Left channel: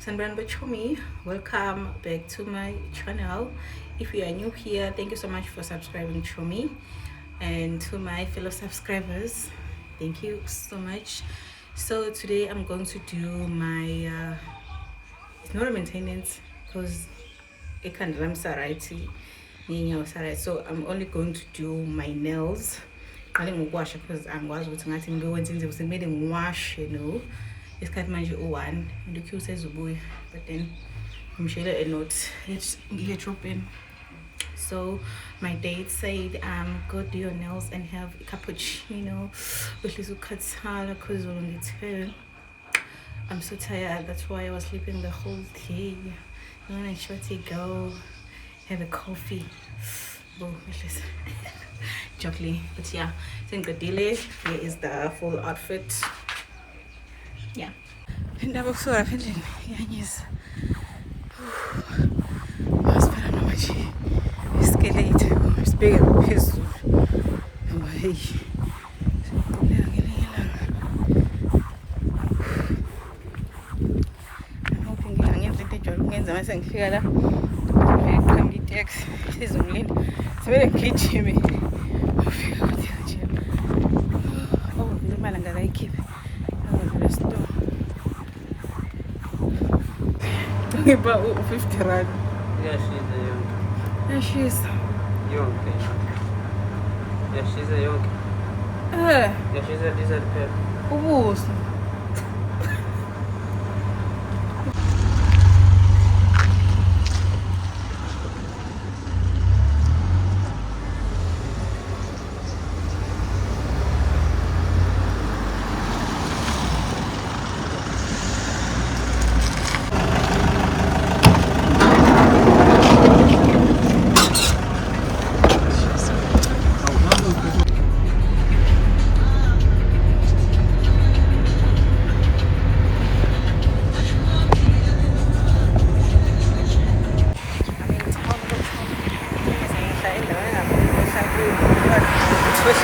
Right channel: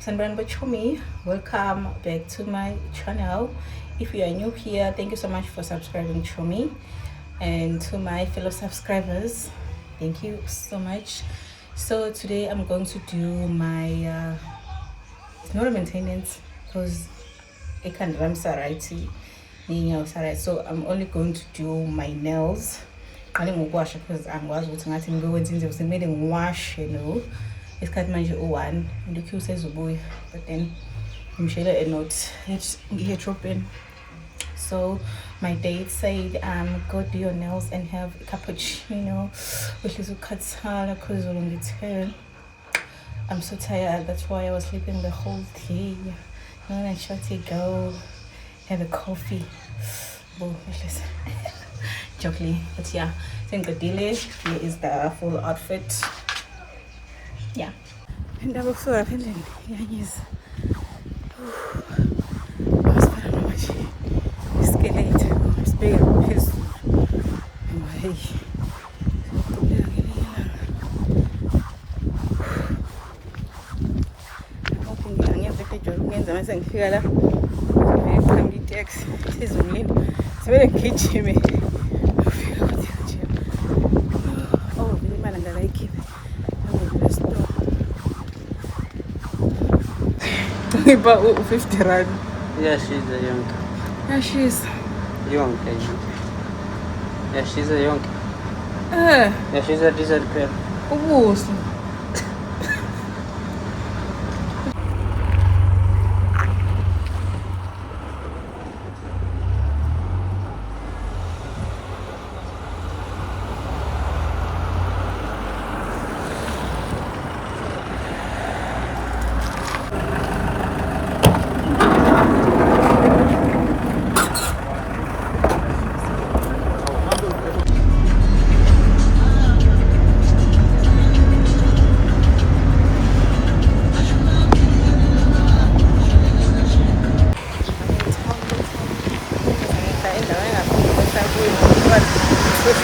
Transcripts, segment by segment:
Sanbran Bachomi. Welcome back to my channel. If you are new here, thank you so much for subscribing to me, and to my fellow subscribers, thank you so much. So today I'm going to do my it's not a maintenance because it can run sarati, so I'm only going to do my nails. I didn't wash because I'm was with nothing going into made them wash, isikhathi manje u-1 ndikhe usezobuya, but then ngimshayela a note here dropping. So my date said go do your nails and have a cappuccino with little ukhathala because I'm so tired. That's why I was sleeping the whole day. And I tried to go have a coffee. Jokely, but yeah, I think the delay here is the full outfit. Yeah, and I was so feeling yes. Was para não mais esqueleto, mas big peso. Hey, I'm hoping I'm going to join ngenza mase ngifika la ngiqhamuka itaxi izongilinda sibele ngigijime ufika kuthi nje vele imali angakayikhiphe angavele store ngiba u-50 rand. Yeah, she's a young. Yeah, she's Young. Yeah, she's a young. Yeah, she's a desert girl. ubuso.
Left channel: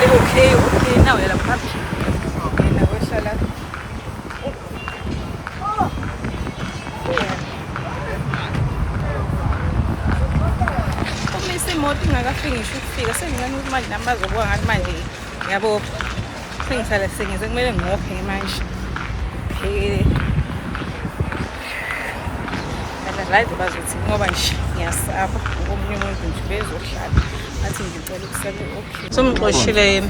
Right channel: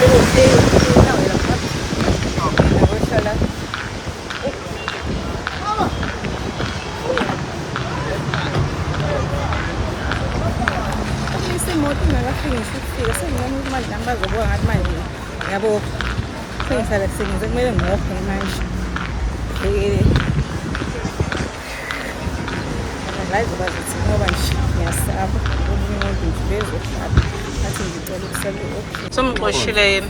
Okay, now I'm happy. And I wish I like imoto ingakafiki ngisho ukufika sengingani ukuthi manje nami bazobuka ngathi manje yabo sengisale sengize kumele ngophe manje phekele layizo bazothi ngoba nje ngiyasaba ngomunye umuntu nje bezohlala athi ngicela ukusala okay somqoshile yena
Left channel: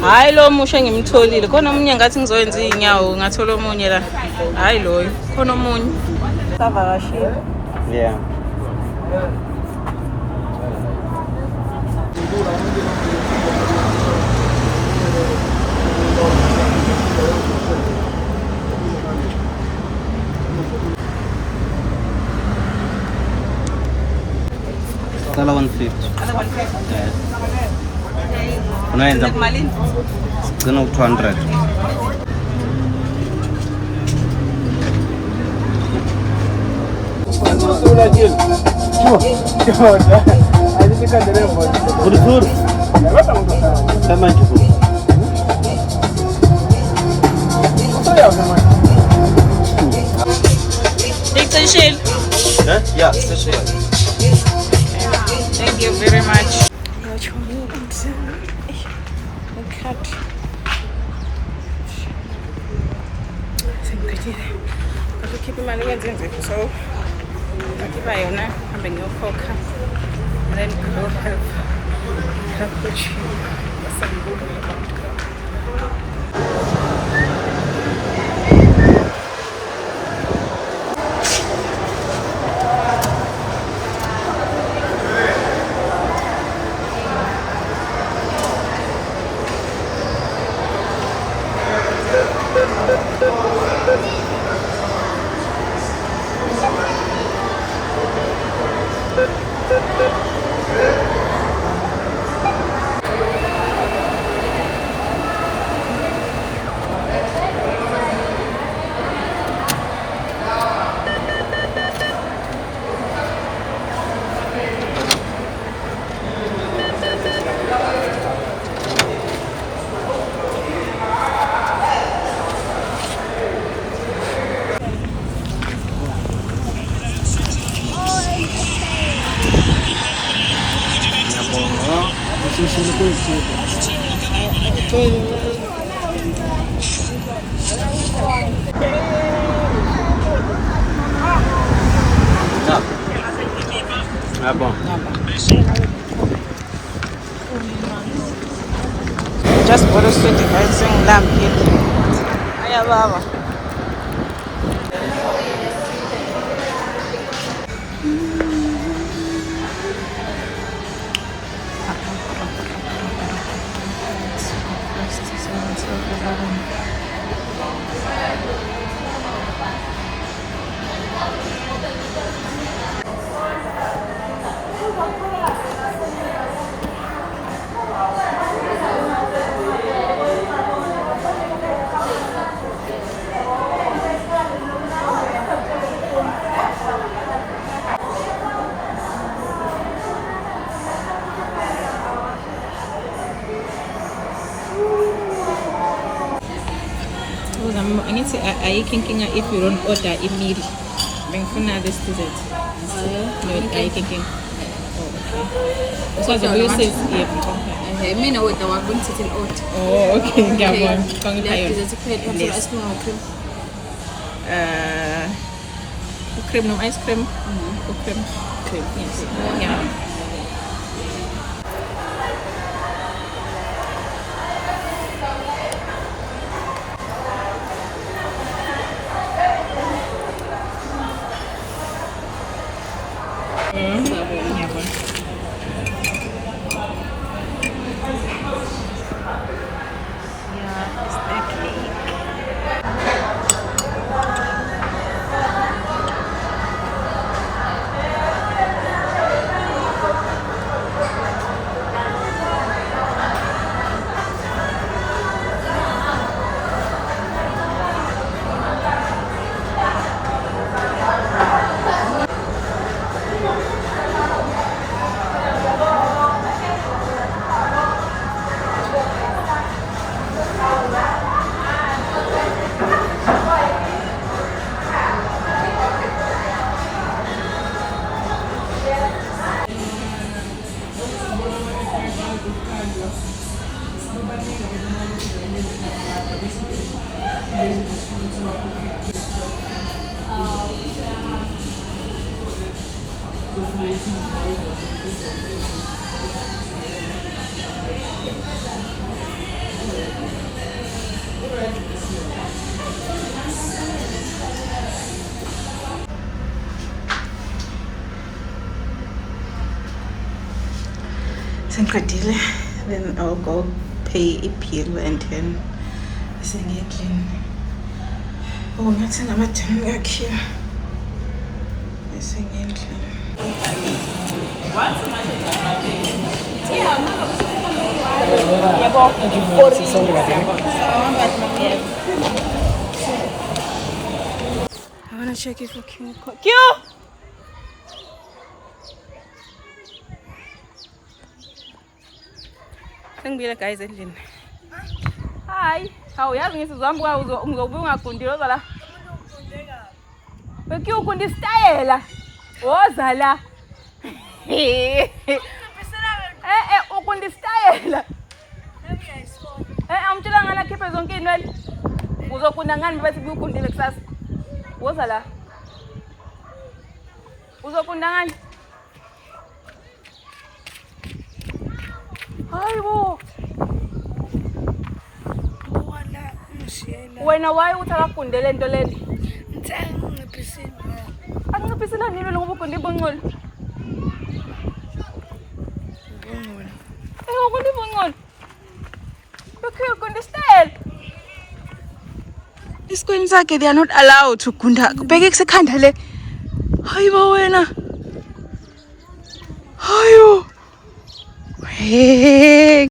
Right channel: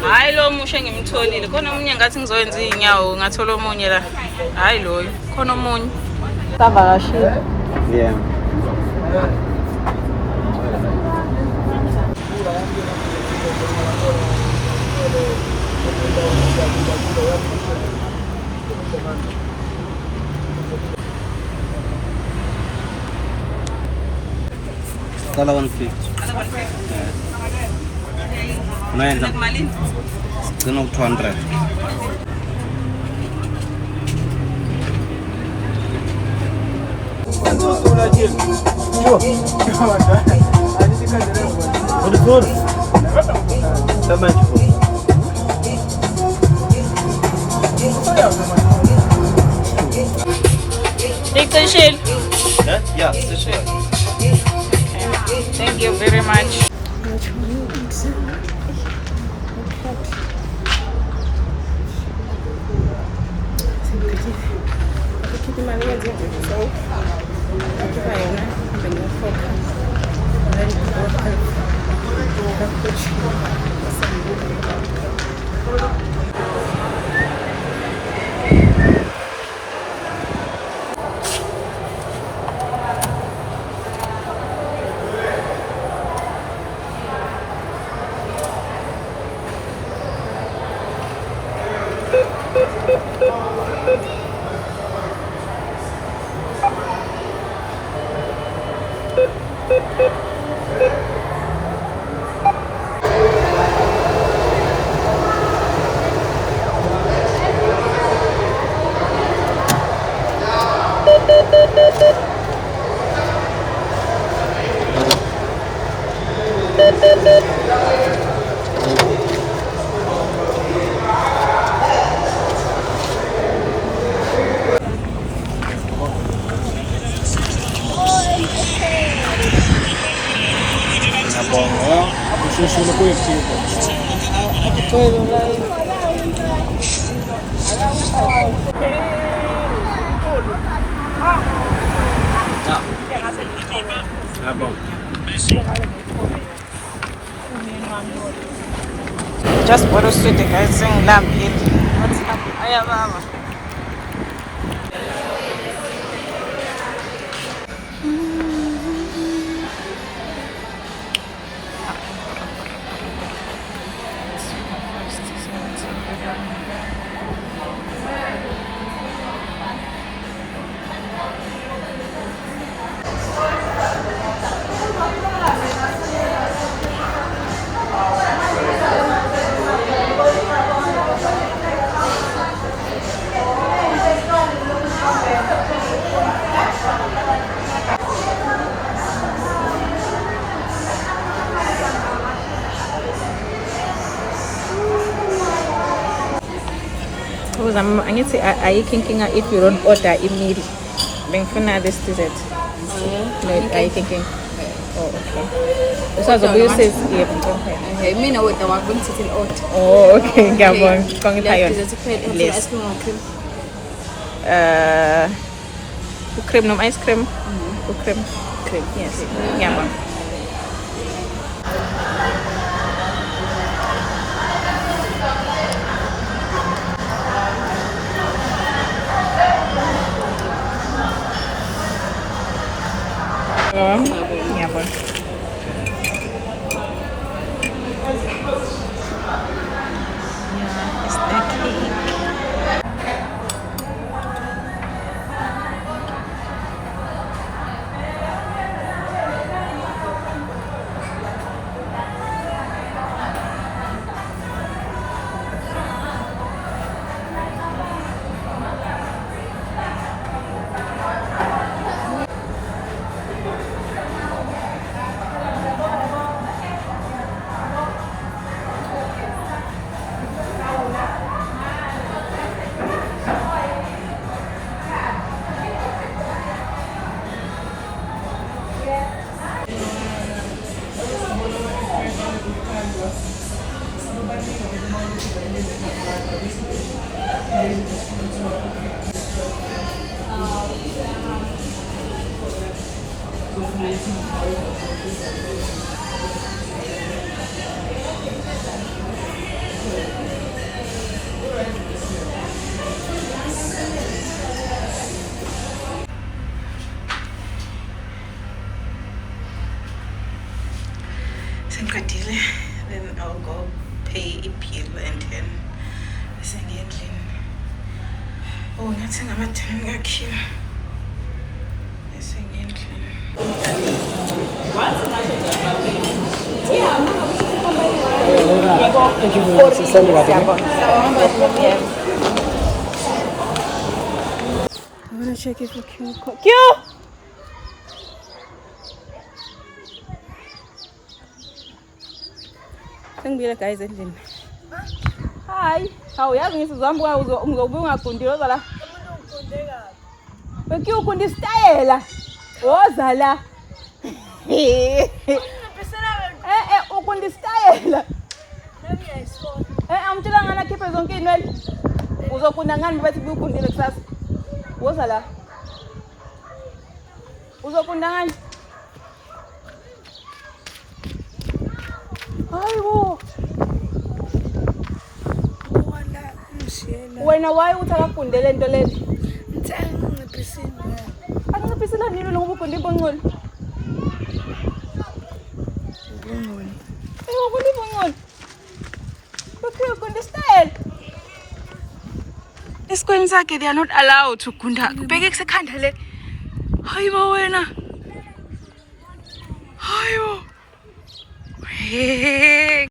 hayi lo musha engimtholile khona omunye ngathi ngizoyenza inyawo ngathola omunye la hayi loyo khona omunye savakashile. Yeah. Sala 150. Yeah. Unaenda? Kuna 200. Take the shell. Yeah, the shell. Thank you very much. Keep imali ngenze so akiba yona hambe ngiyokhokha then go help cappuccino Just bought a sweet guys saying lamb here. What's up? Aya baba. I need to say, are you thinking if you don't order a meal? Then for now, this is it. No, are you thinking? Oh, okay. So the bill says, yeah. I mean, what I want to sit in out. Oh, okay. Come on. Come on. Ice cream. Cream, no ice cream. Cream. Yes. Yeah. Yeah, it's the cake. Then I'll go pay a bill and then clean. Oh, nothing about turning back here. I want to check it for Q. Q! Sengibile guys endlini. Hi, awuyazi ngisizambuka uzobuya ungagundile ozala. Beki ukunda istyle. Woza la. Ukunda istyle. Amtshela ngana khiphe zonke inwele. Uzokunda ngani bathi ukundile kusasa? Woza la. Uzokunda ngani? Hayibo. Wala mshela. Wena waye uthi akakundele into leni? Ngiciphisile. Angiciphisile nini ngoba ukunde ibongcolo? Ibongcolo. Ukunde ibongcolo. Okay, ukunde style. Esikoleni sakhe they are not allowed to kunda. Kubheke kusekhanda le. Hayibo wena. Hayo. Hey.